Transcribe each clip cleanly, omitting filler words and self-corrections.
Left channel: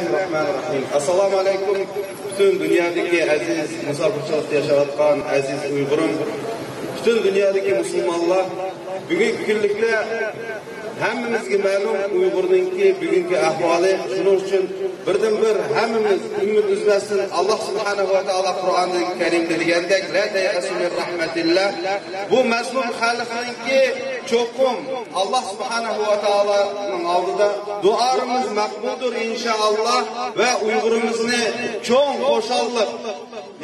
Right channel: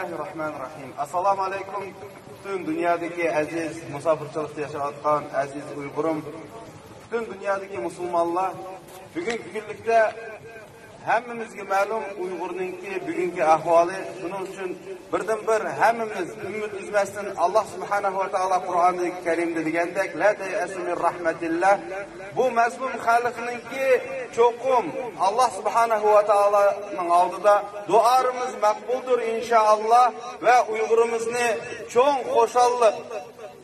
Bismillahirrahmanirrahim. Assalamu alaykum. Bütün dünyadaki aziz musafirchilikda yashayotgan aziz Uyg'urim, bütün dünyadaki Müslümanlar, bugungi kunlikda hammamizga ma'lum Uyg'urninki bugungi ahvoli. Shuning uchun birdan-bir hammamiz umid uzmasin. Alloh subhanahu va taolo Qur'onda Karimda degandek, la ya'asu min rahmatillah. Bu mazlum xalqninki cho'qim Alloh subhanahu va taoloning oldida duolarimiz maqbuldir inshaalloh va Uyg'urimizni cho'ng xo'shallik,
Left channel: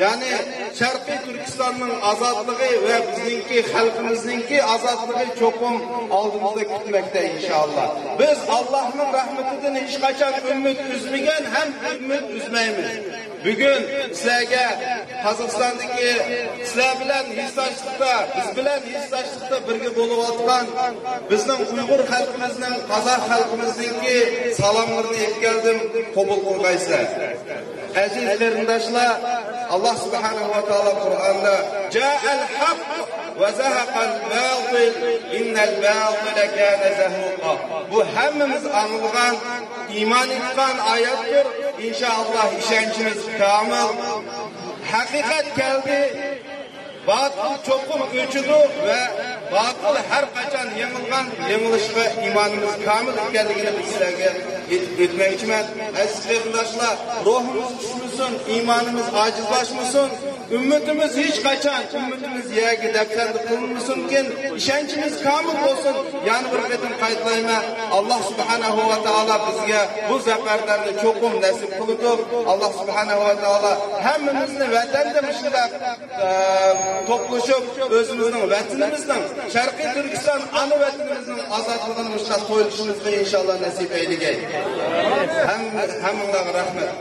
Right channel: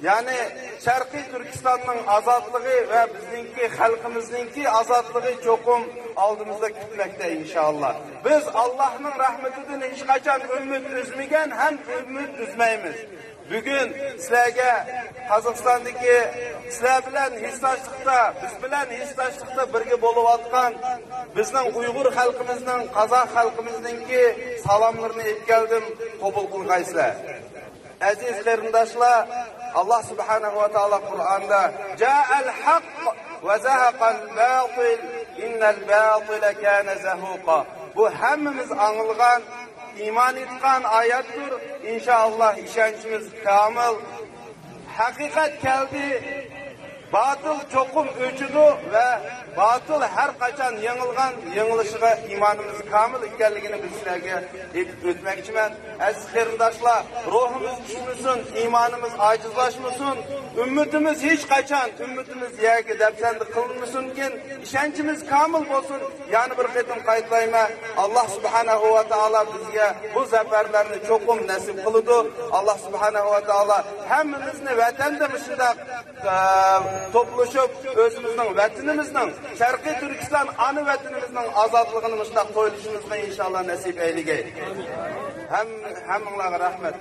ya'ni Sharqiy Turkistonning ozodligi va bizningki xalqimizningki ozodligi cho'qim oldimizda kutmoqda inshaalloh. Biz Allohning rahmatidan hech qachon umid uzmagan ham umid uzmaymiz. Bugun sizlarga Qozog'istondagi sizlar bilan hissachlikda, biz bilan hissachlikda birga bo'layotgan bizning Uyg'ur xalqimizning, Qozoq xalqimizningki salomlarini yetkazdim, qabul qilgaysizlar. Aziz qarindoshlar, Allah subhanahu wa ta'ala Qur'onda ja'al haqq va zahaqal batil innal batila kana zahuqa. Bu hammamiz anlagan, iymon etgan oyatdir. İnşallah ishonchimiz kamil. Haqiqat keldi. Batıl çoğun öçüdü ve batıl her qachon yengilishga imonimiz kamil ekanligini sizlarga aytmoqchiman. Aziz qarindoshlar, ruhimiz tushmasin, imonimiz ojizlashmasin, umidimiz hech qachon umidimiz yerga daftar qilinmasin, ishonchimiz kamil bo'lsin. Yana bir qatim qaytlayman, Alloh subhanahu va taolo bizga bu zafarlarni cho'qim nasib qildi. Alloh subhanahu va taolo hammamizni vatandoshlar toplashib o'zimizning vatanimizdan Sharqiy Turkiston ana vatanimizning ozodligini mutlaq qo'yishimizni inshaalloh nasib aytgay. Hammaga rahmat.